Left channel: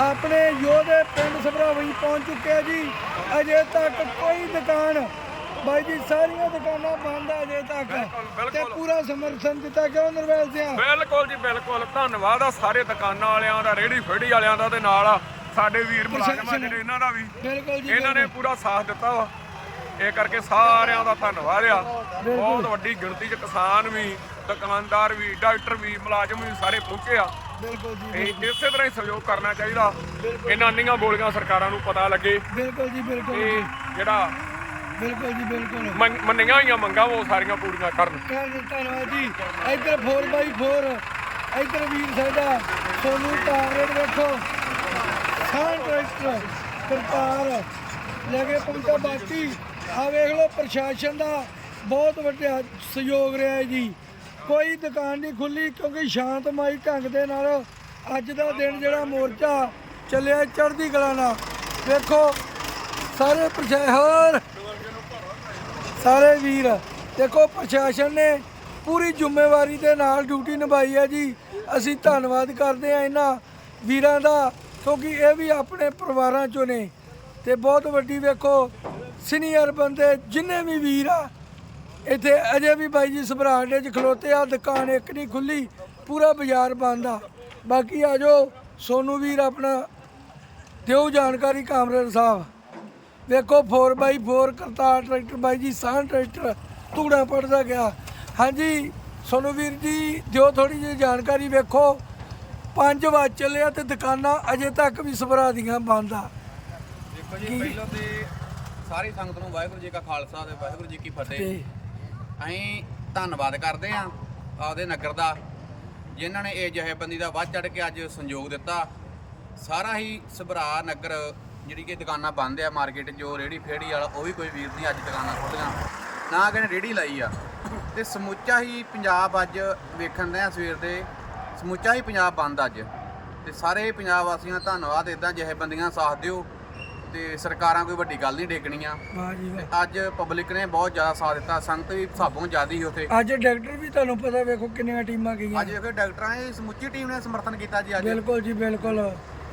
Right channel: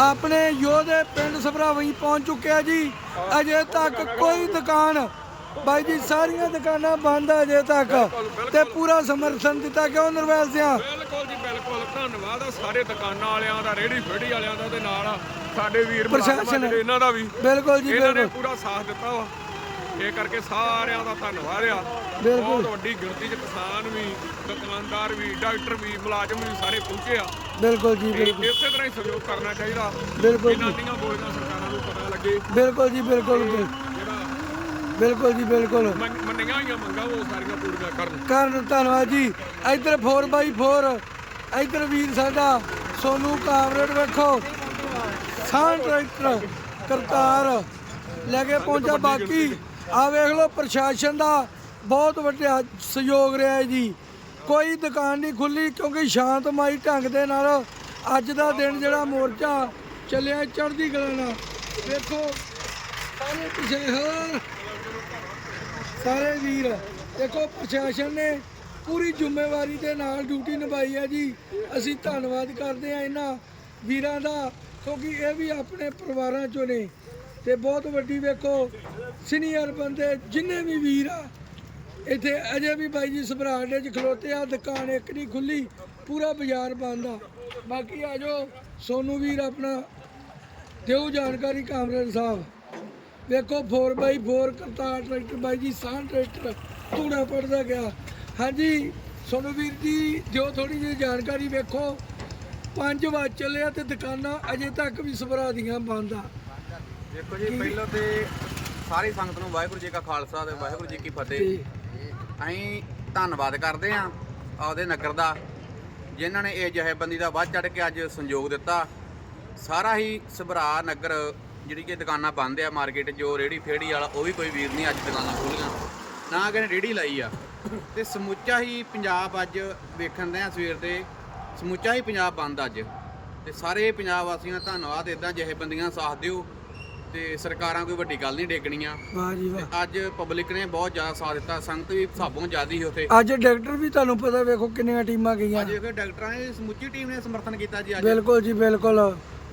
ਆਪਣੇ ਯੋਧੇ ਪਿੰਡ ਸਭਰਾਵਈ ਪਹੁੰਚ ਚੁੱਕਿਆ ਜੀ। ਅਜੇ ਤੱਕ ਕੋਈ ਦੁਕਾਨ ਬਾਈ ਜੀ ਸਾਰੀਆਂ ਦੁਕਾਨਾਂ ਬੰਦ ਆ ਅਜੇ ਤੱਕ। ਤੇ ਪੂਰਾ ਸਮਰਥਨ ਦਿੱਤਾ ਕਿਉਂ ਨਰਵੈਲ ਸਿਆ? ਬਿਲਕੁਲ ਜੀ ਬਿਲਕੁਲ। ਧੰਨਵਾਦ ਆ ਸਾਰੇ ਦੁਕਾਨਾਂ ਵਾਲਿਆਂ ਦਾ ਰੇੜੀ ਫੇੜੀ ਵਾਲਿਆਂ ਦਾ ਤੇ ਨਾਲ ਆ ਸਾਡੇ ਵੀਰ ਪ੍ਰਸ਼ਾਸਨ। ਇਹਨਾਂ ਦਾ ਵੀ। ਬਿਲਕੁਲ ਜੀ ਇਹਨਾਂ ਨੇ ਪੂਰਾ ਸਾਥ ਦਿੱਤਾ ਵਾ। ਇਹ ਕਰਕੇ ਸਾਰਿਆਂ ਦਾ ਧੰਨਵਾਦ ਆ। ਬਹੁਤ ਵੱਡੀ ਗਿਣਤੀ 'ਚ ਕਿਸਾਨ ਵੀ ਦੁਕਾਨਦਾਰ ਵੀ ਡਾਕਟਰ ਵੀ ਮੁਲਾਜ਼ਮ ਵੀ ਸਾਰੇ ਪਹੁੰਚੇ ਆ। ਬਿਲਕੁਲ ਜੀ ਤੇ ਬਿਲਕੁਲ। ਇਸੇ ਤਰ੍ਹਾਂ ਹੀ ਸਹਿਯੋਗ ਕਰਨਾ ਚਾਹੀਦਾ। ਬਿਲਕੁਲ ਇਹਨਾਂ ਨੀਆਂ ਬੋਲੀਆਂ ਸਰਕਾਰਾਂ ਨੂੰ ਪਤਾ ਲੱਗੇ ਬਿਲਕੁਲ ਜੀ ਬਿਲਕੁਲ ਤੇ ਜਿਹੜਾ ਬਿਲਕੁਲ ਜੀ ਬਿਲਕੁਲ। ਮੰਨ- ਮੰਨੀਆਂ ਹੋਈਆਂ ਮੰਗਾਂ ਉਹ ਸਾਰੀਆਂ ਪੂਰੀਆਂ ਕਰਨ। ਕਰਨ ਧੰਨਵਾਦ ਜੀ। ਇੱਧਰ 4x4 ਇੱਧਰ ਵੀਰ ਸਾਡਾ ਸੋਨੂ ਕਾਮਰੇਡ ਵੇਖੋ। ਸਾਂ ਟਰੈਕਟਰ ਕਰਤਾਰ ਲੈ ਕੇ ਪਹੁੰਚਾ। ਬਾਕੀ ਆ ਵੇਖ ਲਓ ਪ੍ਰਸ਼ਾਸਨ ਦਾ ਬਹੁਤ ਵੱਡਾ ਸਹਿਯੋਗ ਰਿਹਾ ਹੈ ਜੀ। ਕੋਈ ਦੁਕਾਨ ਨਹੀਂ ਖੁੱਲੀ ਕਿਉਂਕਿ ਸ਼ਾਂਤਮਈ ਢੰਗ ਦੇ ਨਾਲ ਅੱਜ ਦਾ ਦਿਨ ਜਿਹੜਾ ਮੋਰਚਾ ਚੱਲਿਆ ਚੜ੍ਹਦੀ ਕਲਾ ਨਾਲ। ਵੇਖੋ, ਸਾਰੇ ਪ੍ਰਸ਼ਾਸਨ, ਸਾਰੇ ਵੀਰ, ਦੇਖੋ ਪ੍ਰਸ਼ਾਸਨ ਨੇ ਪੂਰੀ ਜ਼ਿੰਮੇਵਾਰੀ ਦੇ ਨਾਲ ਡਿਊਟੀ ਨਿਭਾਈ ਹੈ ਜੀ। ਅਸੀਂ ਧੰਨਵਾਦ ਕਰਦੇ ਹਾਂ ਇਹਨਾਂ ਵੀਰਾਂ ਦਾ, ਕਿਉਂਕਿ ਇਹ ਵੀ ਆਪਣੇ ਪਰਿਵਾਰਾਂ ਚੋਂ ਨੇ। ਤੇ ਬਹੁਤ ਵੱਡੀ ਵੇਖੋ, ਸੀਨੀਅਰ ਬੰਦੇ ਜਿੰਨੇ ਵੀ ਵੀਰ ਆ ਇੱਥੇ ਅਜੇ ਵੀ ਬਾਈ ਜੀ ਸਭਰਾੜੇ 'ਚ ਖਲੋਤੇ ਆ ਦੁਕਾਨ ਇੱਕ ਨਹੀਂ ਖੁੱਲੀ ਪੂਰਾ ਬਾਜ਼ਾਰ ਬੰਦ ਆ। ਬਾਕੀ ਆ ਜੋ ਸੋਨੂ ਵੀਰ ਆਪਣਾ ਦਿਓ ਜਾਣਕਾਰੀ ਕਾਮਰੇਡ ਸਾਹਿਬ। ਵੇਖੋ 4x4 ਕਰਤਾਰ ਟਰੈਕਟਰ ਬਾਈ ਜੀ ਸਾਨ ਟਰੈਕਟਰ ਤੂੜਾ ਪੜਦਾ ਗਿਆ। ਹਾਂਜੀ ਸੋਨੂ ਵੀਰ ਜੀ ਦਿਓ ਥੋੜੀ ਜਿਹੀ ਜਾਣਕਾਰੀ ਵੇਖੋ। 5 ਵਜ ਚੱਲੇ ਆ ਤੇ ਦੁਕਾਨਾਂ ਅਜੇ ਤੱਕ ਵੀ ਸਭਰਾ ਦੀਆਂ ਬੰਦ ਆ। ਦੇਖੋ ਜੀ ਪਹਿਲਾਂ ਤੇ ਸਾਰੀ ਸੰਗਤ ਨੂੰ ਵਾਹਿਗੁਰੂ ਜੀ ਕਾ ਖਾਲਸਾ ਤੇ ਵਾਹਿਗੁਰੂ ਜੀ ਕੀ ਫਤਿਹ। ਅਸੀਂ ਧੰਨਵਾਦ ਕਰਦੇ ਹਾਂ ਆਪਦੇ ਨਗਰ ਦਾ, ਜਿਨ੍ਹਾਂ ਨੇ ਇਹ ਜਥੇਬੰਦੀ ਦਾ ਵੱਧ ਚੜ ਕੇ ਅੱਜ ਸੰਯੋਗ ਦਿੱਤਾ। ਸਾਰਾ ਹੀ ਸਭਰਾ ਨਗਰ, ਜਿਹੜੀ ਕਿ ਦੁਕਾਨਾਂ ਬੰਦ ਆ ਮਾਰਕੀਟ ਜੋ ਰੇੜੀ ਫੇੜੀ ਵਾਲਾ, ਉਹ ਵੀ ਕੋਈ ਵੀਰ ਨਹੀਂ ਅੱਜ ਦੁਕਾਨਾਂ ਖੋਲੀਆਂ। ਨਾ ਕਿਸੇ ਨੇ ਰੇੜੀ ਲਾਈ ਆ। ਤੇ ਸਮੁੱਚਾ ਹੀ ਪੰਜਾਬ ਅੱਜ ਵੇਖਣ ਦੇ ਆ ਸਵੇਰ ਦੇ, ਸਮੁੱਚਾ ਹੀ ਪੰਜਾਬ ਬੰਦ ਅੱਜ। ਤੇ ਸਾਰੇ ਪੰਜਾਬ ਵਾਸੀਆਂ ਦਾ ਧੰਨਵਾਦ ਇਦਾਂ ਜਥੇਬੰਦੀਆਂ ਸਾਥ ਦਿਓ। ਤੇ ਸਰਕਾਰਾਂ ਕੋਈ ਵੱਡੀ ਗੱਲ ਨਹੀਂ ਡੇਗਣੀਆਂ ਵਾਹ ਜੀ ਵਾਹ। ਅੱਜ ਪਬਲਿਕ ਨੇ ਬਹੁਤ ਜ਼ਿਆਦਾ ਸਾਥ ਦਿੱਤਾ ਸੰਗਤ ਵੀ ਹਿਸਾਬੋਂ ਜ਼ਿਆਦੀ ਸੀ ਉੱਥੇ। ਅੱਜ ਡਾਕਟਰ ਵੀ ਤੁਹਾਨੂੰ ਪਤਾ ਵੇਖੋ ਕਿੰਨੀਆਂ ਟੀਮਾਂ ਗਈਆਂ। ਅੱਜ ਦੇਖੋ ਡਾਕਟਰਾਂ ਨੇ ਸਮੁੱਚੀ ਟੀਮ ਨੇ ਸਮਰਥਨ ਕੀਤਾ ਜੀ ਅੱਜ। ਬਿਲਕੁਲ ਜੀ ਬਿਲਕੁਲ।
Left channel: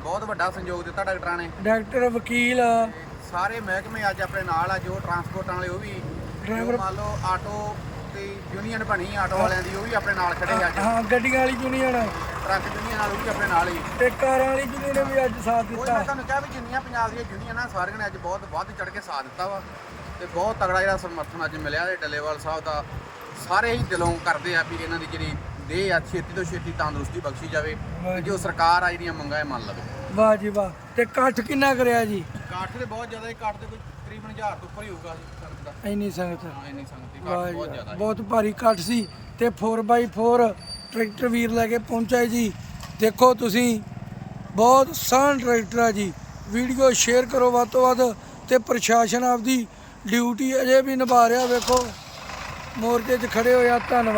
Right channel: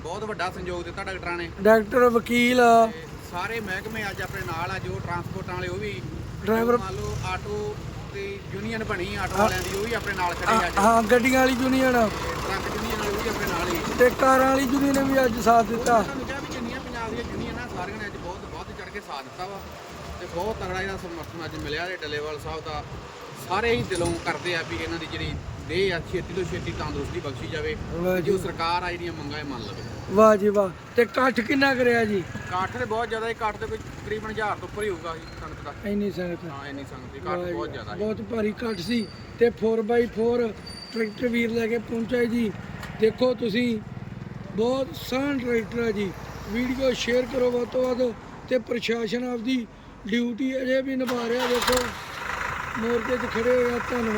ਬਹੁਤ ਵੱਡਾ ਸੰਯੋਗ ਦਿੱਤਾ ਡਾਕਟਰਾਂ ਨੇ। ਡਾਕਟਰ ਵਕੀਲ। ਸਾਰੇ ਮਹਿਕਮੇ ਅੱਜ ਆਪਣੇ ਨਾਲ ਆ ਜੋ ਟਰਾਂਸਪੋਰਟਾਂ ਵਾਲੇ ਉਹ ਵੀ ਜੋ ਮੰਨ ਲਓ ਆਟੋ ਤੇ ਯੂਨੀਅਨ ਬਣੀ ਆਟੋ ਵਾਲਿਆਂ ਦੀ ਉਹ ਵੀ ਆਪਣੇ ਨਾਲ ਖੜੇ ਆ ਅੱਜ। ਹਾਂ ਗੱਡੀਆਂ ਵਾਲੀ ਯੂਨੀਅਨ ਤੇ ਟਰੱਕ ਯੂਨੀਅਨ ਨਾਲ ਉਹ ਵੀ ਆਪਣੇ ਨਾਲ ਹੀ। ਤੇ ਕਾਰਾਂ ਵਾਲੀ ਯੂਨੀਅਨ ਨੇ ਵੀ ਅੱਜ ਸਾਥ ਉਹ ਦਿੱਤਾ। ਮੈਂ ਤੁਹਾਨੂੰ ਕਿਹਾ ਵੀ ਜਿੰਨੀਆਂ ਪੰਜਾਬ ਦੀਆਂ ਯੂਨੀਅਨਾਂ ਸਾਰੀਆਂ ਨੇ ਅੱਜ ਬਹੁਤ ਵੱਧ ਚੜ ਕੇ ਸਾਥ ਦਿੱਤਾ ਵਾ। ਤੇ ਬਹੁਤ ਤਗੜਾ ਜਿਹੜਾ ਸਮਰਥਨ ਅੱਜ ਮਿਲਿਆ ਤੇ ਡੱਲੇਵਾਲ ਸਾਹਿਬ ਦਾ। ਸਾਰੇ ਹੀ ਦਿਲੋਂ ਕਰਦੇ ਆ ਵੀ ਇਹਨਾਂ ਦੀ ਜਿਹੜੀ ਦੇਹ ਆ ਛੇਤੀ ਤੋਂ ਛੇਤੀ ਤੰਦਰੁਸਤੀ ਬਖਸ਼ੀ ਜਾਵੇ ਤੇ ਜੋ ਸਰਕਾਰ ਆ ਜਿਹੜੀਆਂ ਮੰਗਾਂ ਇਹ ਮੰਨ ਲਵੇ। ਵਾਹ ਜੀ ਵਾਹ। ਤੇ ਇਕੱਠ ਕਿੰਨਾ ਕਰਿਆ ਜੀ? ਇਕੱਠ ਤੇ ਬਹੁਤ ਜ਼ਿਆਦਾ ਇਕੱਠ ਤੇ ਕੋਈ ਤਕਰੀਬਨ 1000 ਤੋਂ ਉੱਪਰ ਹੀ ਹੋਊਗਾ ਜੀ ਸੰਗਤ ਦਾ। ਇੰਨੀ ਸੰਗਤ। ਹਾਂ ਇੰਨੀ ਸੰਗਤ ਦੀ ਜੀ ਬਹੁਤ ਜ਼ਿਆਦਾ ਹੈ ਬਹੁਤ ਭਾਰੀ ਇਕੱਠ ਸੀ ਤੇ 4x4 ਟਰੈਕਟਰ ਵੀਰ ਲੈ ਕੇ ਪਹੁੰਚਿਆ ਜੀ। ਦੇਖੋ ਤੁਸੀਂ ਬਹੁਤ ਸਾਨ ਟਰੈਕਟਰ ਆ ਜੀ। ਵੀਡੀਓ ਸ਼ੇਅਰ ਕਰੋ ਵੱਧ ਤੋਂ ਵੱਧ ਤੇ ਪ੍ਰਸ਼ਾਸਨ ਆਪਦੀ ਡਿਊਟੀ ਅਜੇ ਵੀ ਨਿਭਾ ਰਿਹਾ। ਵੇਖੋ ਮੋਰਚੇ 'ਚ ਖੜੇ ਹੋਇਆ ਧੰਨਵਾਦ।